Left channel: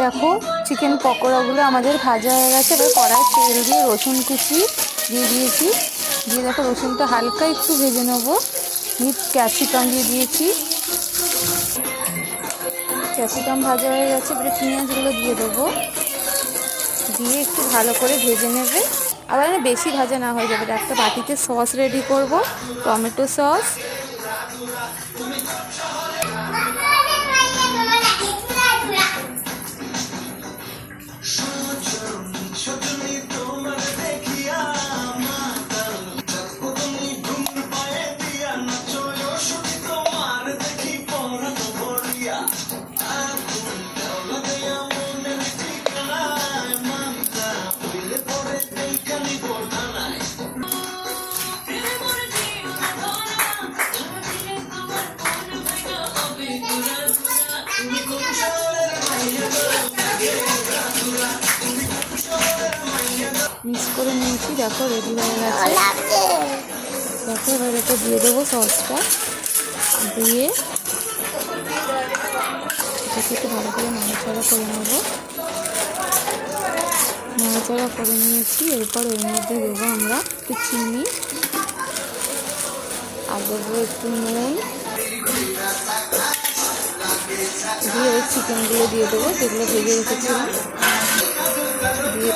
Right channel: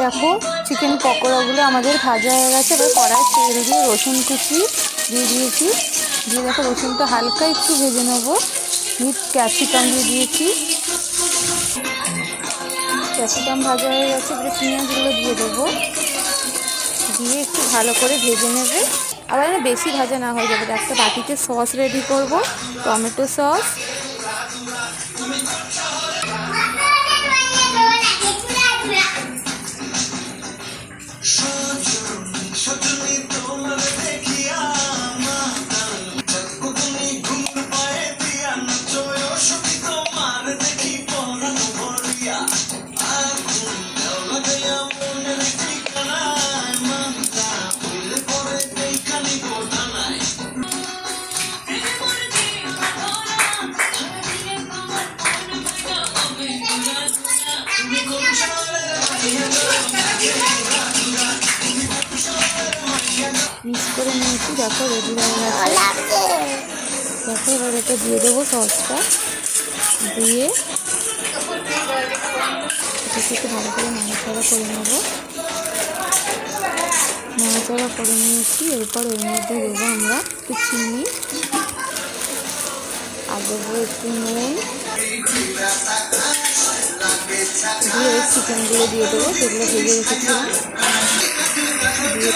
দেখো চিকেন পকোড়াগুলো আমাদের ভাজা হয়ে গেছে। এবার কড়াই তেল দিয়ে রসুন কুচি দিয়ে দিয়েছি, দিয়ে দেখো রসুনটা হালকা একটু ভেজে নেবো। ক্যাপসিকাম দিয়ে দিয়েছি, ক্যাপসিকাম ভাজা হয়ে গেছে। এবারে পেঁয়াজগুলো দিয়ে দেবো, দিয়ে একটু ভালো করে ভেজে নেবে। আবার বেশি ভাজা না হয়ে যাবে। একটা বাটিতে সস রেডি করব, টমেটো সস, মিক্স করে নিয়েছি। দেখো রেডি হয়ে গেছে। দেখো এবার এটা দিয়ে দেবো সসটা, দিয়ে এটাকে একটু ভালো করে নাড়াচাড়া করে নেবো। নাড়াচাড়া করে নিয়েছি। এরপর এর মধ্যে দেবো আমরা একটু চিনি, আর দেবো একটু নুন, দিয়ে ওই চিকেনগুলো দিয়ে দেবো যেগুলো ভেজে রেখেছিলাম, দিয়ে